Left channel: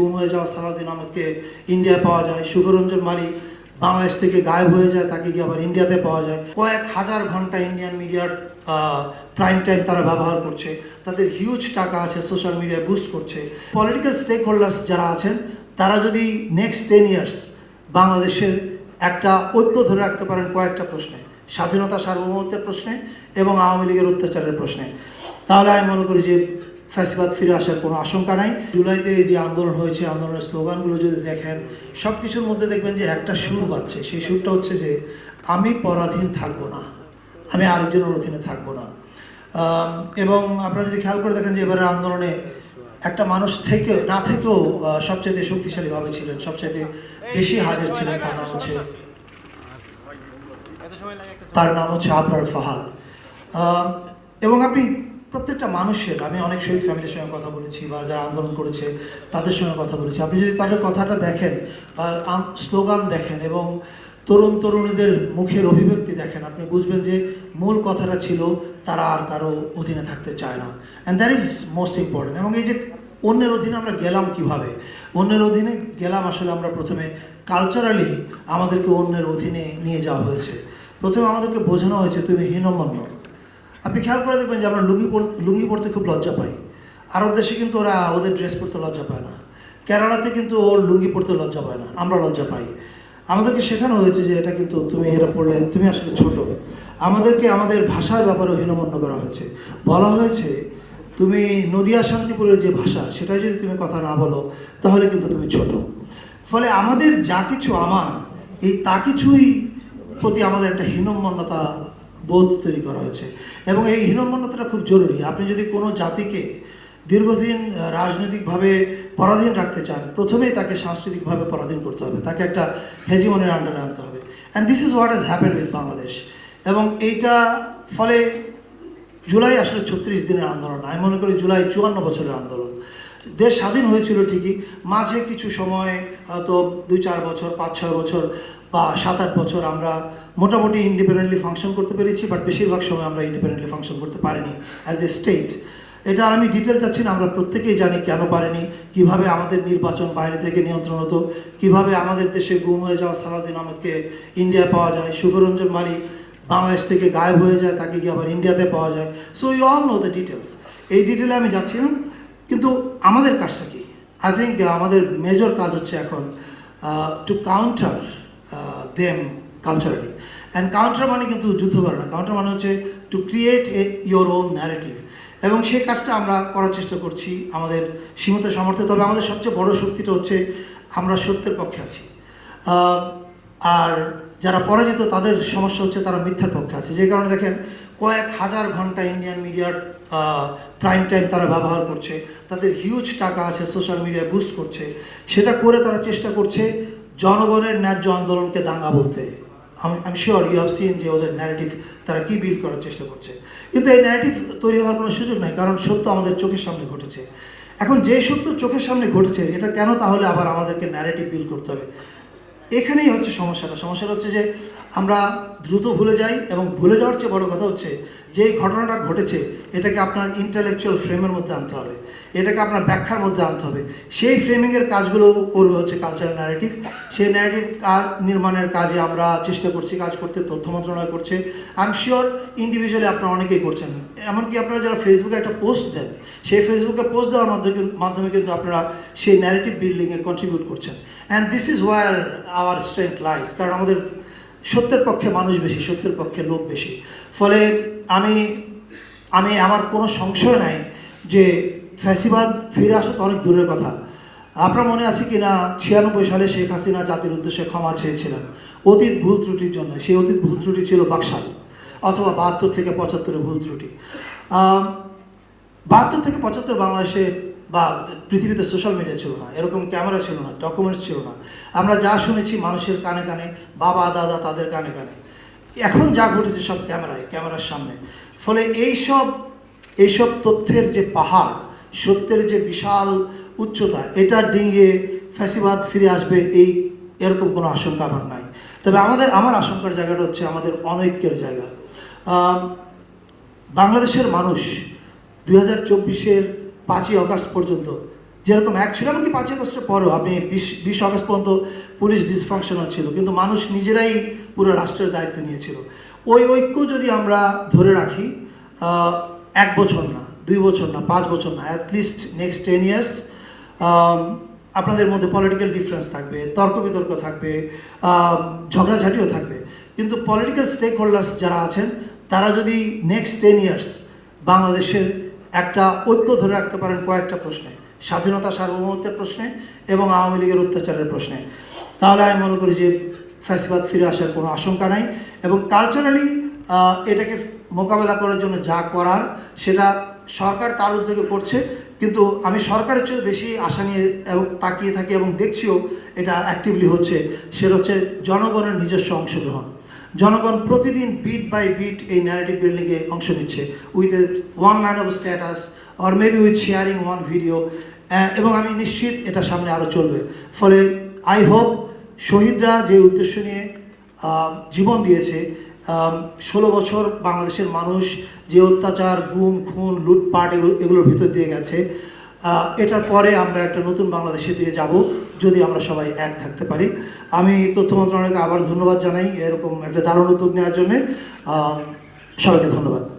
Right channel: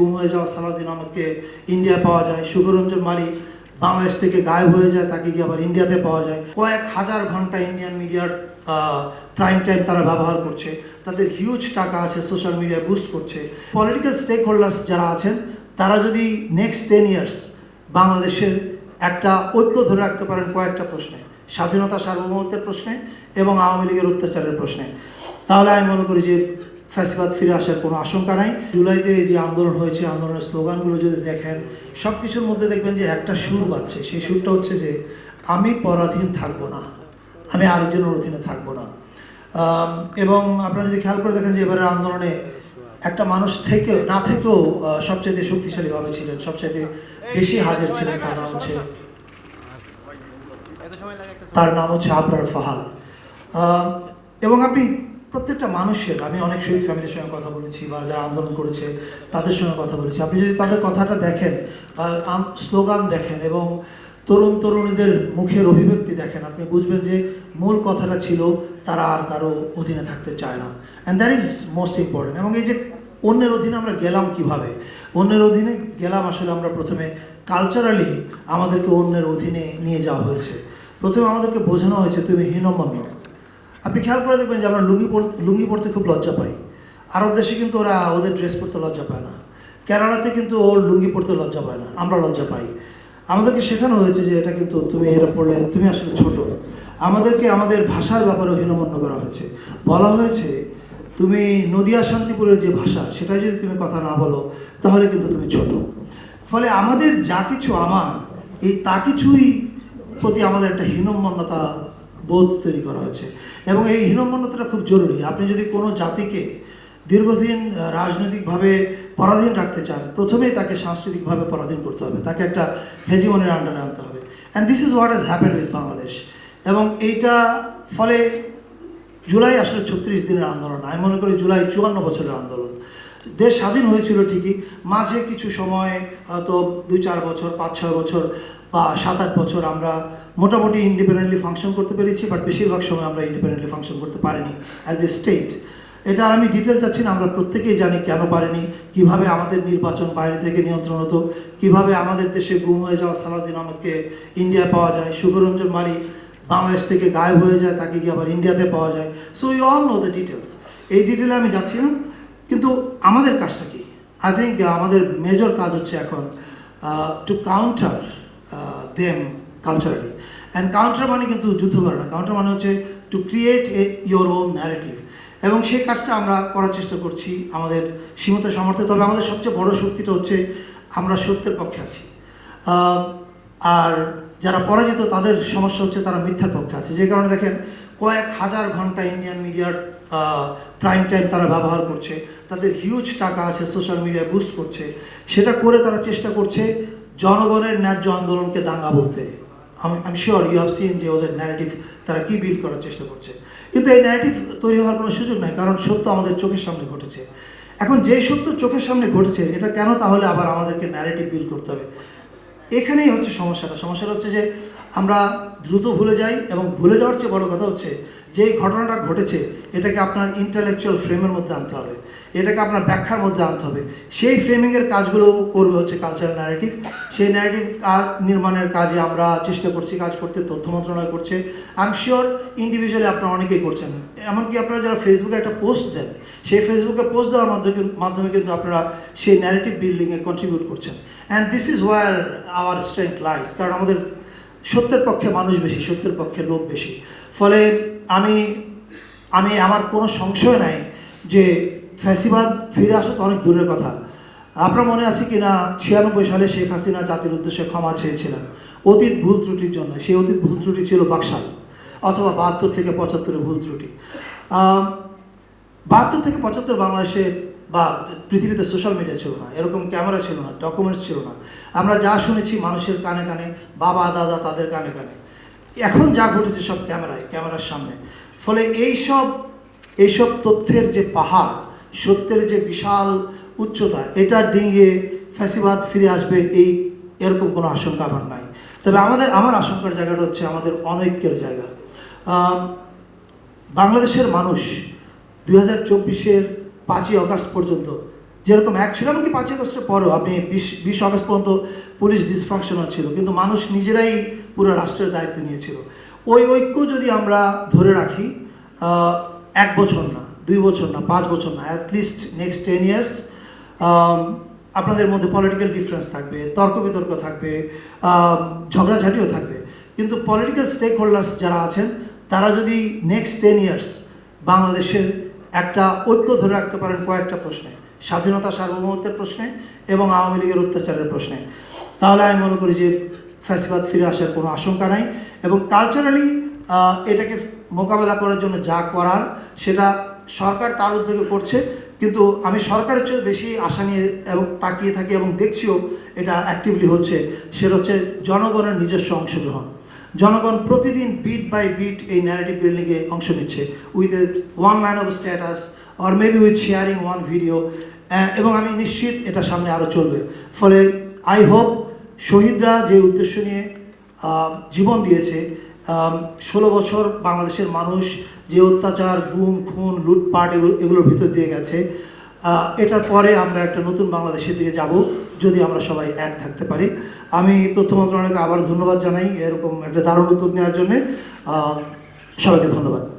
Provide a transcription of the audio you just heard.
গুম হয়ে যাওয়া সালাদিন আহমদকে ইন্ডিয়া পাওয়া যায়, সুখরঞ্জন মালিক বাংলাদেশ থেকে গায়েব হয়ে যায়, তাকে গিয়ে আবার ইন্ডিয়াতে পাওয়া যায়। কয়েক হাজার ঘণ্টা ইন্ডিয়ান মিডিয়ার প্রাইম টাইম তারা ব্যবহার করছে। তাদের হিউজ টাকা আছে সোশ্যাল মিডিয়া বুস্ট করছে। পলিটিক্যাল স্টেক হোল্ডার্স যারা আছেন, তারা যদি নেক্সট টেন ইয়ার্স বাংলাদেশের একটা ঐক্য ধরে রাখতে পারেন কয়েকটা প্রশ্নে। স্বাধীনতা সার্বভৌমত্বের প্রশ্নে এবং আওয়ামী লীগের অত্যাচারের প্রশ্নে। তাহলে আমি মনে করি যে ফ্যাসিবাদ ফিরে আসার কোনো আশঙ্কা নাই। জুলাইতে যে আন্দোলন হয়েছে, আন্দোলনের স্লোগানগুলো যদি দেখেন সব কিছুর মধ্যে দেখবেন যে একটা সুর পাচ্ছে সেই সুরটা হচ্ছে যে, আমি পরাধীন থাকব না। আমি আরেকজনের অধীনে থাকব না। এবং আপনারা যদি খেয়াল করে দেখেন যে এবারের আন্দোলনে একটা মানুষ থেকে না থেকেও সবচেয়ে শক্তিশালীভাবে ছিলেন। সবচেয়ে বেশি হাজির ছিলেন তার নাম হচ্ছে তার নাম হচ্ছে আবরার ফাহাদ। এবং আপনি প্রত্যেকটা মানুষের, আমি অনেক শহীদ ফ্যামিলির সঙ্গে কথা বলেছি বা যারা আন্দোলন করেছে, তাদের সঙ্গে কথা বলেছি। আপনি যদি তাদের কথাটা দেখেন স্লোগান দেখেন এবং তরুণ তরুণীদের মুখের অভিব্যক্তি দেখেন, আপনি বুঝবেন যে মূল কথাটা ছিল, তারা আর কারও অধীনে থাকতে চায় না। And that is most important এবং এই যে অন্যের অধীনে আমরা গেলাম কীভাবে? অন্যের অধীনে গেলাম আসলে আমরা প্রথমে কালচারালি আমাদেরকে অন্যের অধীনে নিয়ে যাওয়া হয়েছে। প্রথমে আমাদেরকে বোঝানো হয়েছে, তুমি হীনমন্য। আপনি খেয়াল করে দেখবেন যে আমরা লুঙ্গি লুঙ্গি পড়তে খুব লজ্জা পাই। আরব দেশে কিন্তু ওরা ওদের ড্রেস পরতে লজ্জা পায় না। কেরালাতে কিন্তু ওর লুঙ্গি পরতে লজ্জা পায় না। আমরা লজ্জা পাই। আমাদেরকে শেখানো হয়েছে যে এটা কিন্তু তুমি এটা পড়লে তুমি আসলে ছোট। আমাদেরকে আমাদের ভাষার ব্যাপারে হীনমন্য করা হয়েছে। বলা হয়েছে, তুমি নদিয়া শান্তিপুরের যে ভাষা, সেটাই যদি তুমি কথা না বলো, তাহলে কিন্তু তুমি ছোট। ফলে আমাদের যা কিছু আমার, এই তা কিছুই প্রতি আমাদের একটা হীনমন্যতা বোধ তৈরি করা হয়েছে। এবং এই হীনমন্যতাটা খুব জরুরি। আপনি যদি কোনো জাতিকে দীর্ঘদিন রাজনৈতিকভাবে পরাধীন রাখতে চান, প্রথমেই তাকে সাংস্কৃতিকভাবে পরাধীন করতে হবে। তাকে একটা হেজিমনের আন্ডারে আনতে হবে। And this is what has happen with Bangladesh এবং এইটা ফলে জুলাই আসলে ছত্রিশ দিনের আন্দোলন। আমি মনে করি জুলাই চুয়ান্ন বছরের আন্দোলন। দেশ স্বাধীন হয়েছিল ঠিকই। মাঝে কিছু সময় হয়তো দুই চার বছর, পাঁচ ছয় বছর বা সাত আট বছর আমরা মোটামুটি ইন্ডিপেন্ডেন্টলি ফাংশন করতে পেরেছি বাট বেশিরভাগ সময় আমরা ইন্ডিপেন্ডেন্টলি ফাংশন করতে পারিনি অ্যাজ এ স্টেট এটা আমি ডিটেল চাচ্ছি না, আমরা প্রত্যেকেই জানি কেন পারিনি, কীভাবে আমাদের নির্বাচন বাইরে থেকে নিয়ন্ত্রণ হতো, কীভাবে আমাদের দেশে গুম হয়ে যাওয়া সালাদিন আহমদকে ইন্ডিয়া পাওয়া যায়, সুখরঞ্জন মালিক বাংলাদেশ থেকে গায়েব হয়ে যায়, তাকে গিয়ে আবার ইন্ডিয়াতে পাওয়া যায়। So you all know the details এই ডিটেলে আমি যাচ্ছি না কিন্তু আমাদের কাজটা কি? আই থিঙ্ক আমাদের মেজর কাজ হচ্ছে এখন to counter them culturally and counter মানে কিন্তু যুদ্ধ করে না। কাউন্টার মানে হচ্ছে to create a your own narrative এবং সেই কাজটা আমরা করার চেষ্টা করছি আমাদের সীমিত সামর্থ্য। তবে আমাদের সবচেয়ে বড় শক্তিটা হচ্ছে আমরা সত্যের পক্ষে আছি। আর যারা পরাজিত, তাদের সমস্যা হচ্ছে তারা মিথ্যার পক্ষে আছে। যে কারণে দেখেন, কয়েক হাজার ঘণ্টা ইন্ডিয়ান মিডিয়ার প্রাইম টাইম তারা ব্যবহার করছে। তাদের হিউজ টাকা আছে সোশ্যাল মিডিয়া বুস্ট করছে। সেটা করে তারা চেষ্টা করছে জনগণের ন্যায্য আন্দোলনকে দাঙ্গা বলতে। আমি শিওর ইউ হ্যাভ সিন যে ওদের ন্যারেটিভ তারা কী বিল করার চেষ্টা করছে। কিন্তু এই ন্যারেটিভ তৈরি হওয়ার কোনো সুযোগ নাই, কারণ সত্য আমাদের চোখের সামনে ঘটেছে। এখন যে সত্য চোখের সামনে ঘটছে, এটা কেন তাহলে আবার আমাদেরকে ন্যারেটিভ বিল করতে হবে? এখানেই হচ্ছে সমস্যাটা। সমস্যাটা হচ্ছে যে আমরা দ্রুত ভুলে যাই এবং ভুলে যাওয়ার চেয়ে বড় কথা হচ্ছে যে এই ঘটনাটা ঘটেছে, এটাকে আপনার ইন্টালেকচুয়াল ফ্রেমের মধ্যে আনতে হবে। এটাকে আপনার ব্যাখ্যার মধ্যে আনতে হবে। সেই ফ্রেমিংয়ের কাজগুলো করবে হচ্ছে কালচারাল ন্যারেটিভ সেই ন্যারেটিভ নির্মাণের কাজে আমরা চেষ্টা করছি, কাজ করতে, তথ্য মন্ত্রণালয় করছে। আই এম শিওর ইন্ডিভিজুয়ালি আপনারা অনেকেই করছেন। এমনকি আপনারা যারা ফেসবুকে একটা পোস্ট দেন, সেই ফেসবুকে পোস্ট দেওয়ার মাধ্যমে মাধ্যমে কিন্তু আপনারা সেই ন্যারেটিভ বিল্ডিংয়ে কন্ট্রিবিউট করছেন। And this is where our strength lies কারণ আমাদের সত্যের পক্ষে মানুষ বেশি, সত্যের পক্ষে লোক বেশি। ফলে আমি আমি আমার কোনো সংশয় নাই যে ফ্যাসিবাদ ফিরে আসা তো অনেক দূরের কথা। আপনার মনে আছে কি না ছিয়ানব্বই সালে শেখ হাসিনা জাতির উদ্দেশ্যে ক্ষমা চেয়েছিলেন। অতীত ভুল ত্রুটির জন্য, সেই অতীত ভুল ত্রুটি ছিল বাকশাল, অথবা বাহাত্তর থেকে পঁচাত্তরের ভুল ত্রুটি। বাহাত্তর থেকে পঁচাত্তর বাংলাদেশে বা পৃথিবীতে সোশ্যাল মিডিয়া ছিল না, এরকম ক্যামেরা ছিল না ডকুমেন্টস ছিল না। আমরা যা শুনেছি মানুষের কানে কানে, বাবা, দাদা তাদের কানে কানে। এখন যা ঘটেছে সব ক্যামেরায় ক্যামেরার সামনে। ফলে এই সব এইসব তথ্যের যে পাহাড়, সত্যের যে বিশাল উচ্চতা, এটা ডিঙিয়ে ফ্যাসিবাদ ফিরে আসবে এই এরকম কোনো আশঙ্কা আমার নাই। তবে আমাদের, আমার আশঙ্কার জায়গাটা হচ্ছে আমাদের অনৈক্যের জায়গা। বাংলাদেশের মানুষ দুই হাজার চব্বিশের পাঁচই অগাস্ট পর্যন্ত। যেরকম এক ছিল, এমনকি পাঁচই আগস্টের পরেও আপনি বিশ বিশ আগস্ট পর্যন্ত পুলিশ ডিসফাংশনাল ছিল, কিন্তু মানুষ নিজেরাই পুরো রাষ্ট্রের দায়িত্ব নিয়েছিল। ওই ঐক্য যদি আমরা ধরে রাখি এক বছর না, দুই বছর না, পাঁচ বছর না অ্যাটলিস্ট নেক্সট টেন ইয়ার্স আপনাদের মধ্যে পলিটিক্যাল ডিফারেন্স থাকবে তর্ক বিতর্ক থাকবে ঝগড়াঝাটিও থাকবে। কিন্তু পলিটিক্যাল স্টেক হোল্ডার্স যারা আছেন, তারা যদি নেক্সট টেন ইয়ার্স বাংলাদেশের একটা ঐক্য ধরে রাখতে পারেন কয়েকটা প্রশ্নে। স্বাধীনতা সার্বভৌমত্বের প্রশ্নে এবং আওয়ামী লীগের অত্যাচারের প্রশ্নে। তাহলে আমি মনে করি যে ফ্যাসিবাদ ফিরে আসার কোনো আশঙ্কা নাই এবং কালচারালি এটাকে মোকাবেলা করার জন্য যা করার সেটা সরকার তার উদ্যোগে করছে। কিন্তু আমি সরকারের চেয়েও বেশি আশা নিয়ে এবং তাকিয়ে থাকি এবং দেখছিও এটা অ্যাক্টিভলি হচ্ছে। সেটা হচ্ছে জনগণের নিজস্ব অংশগ্রহণ। জনগণ প্রতিদিন বিট বাই বিট এই ন্যারেটিভ বিল্ডিংয়ে অংশ নিচ্ছে with one line of status or maybe with sharing one video এবং আমি নিশ্চিত এটা সামনে আরও চলবে। ফলে আই হোপ শহীদরা যে উদ্দেশ্য নিয়ে জীবন দিয়েছে ষোলো বছর বাংলাদেশের মানুষ যে অত্যাচার, গুম, খুন, লুটপাট এগুলো- এগুলোর ভিতর দিয়ে গেছে। এটার পরে আমরা একটা নতুন বাংলাদেশের দিকে যাব, যদি আমরা সবাই এক থাকতে পারি। আমি তথ্য মন্ত্রণালয়কে আবার ধন্যবাদ জানাই, এরকম একটা দারুণ উদ্যোগ নেওয়ার জন্যে। সবাইকে ধন্যবাদ।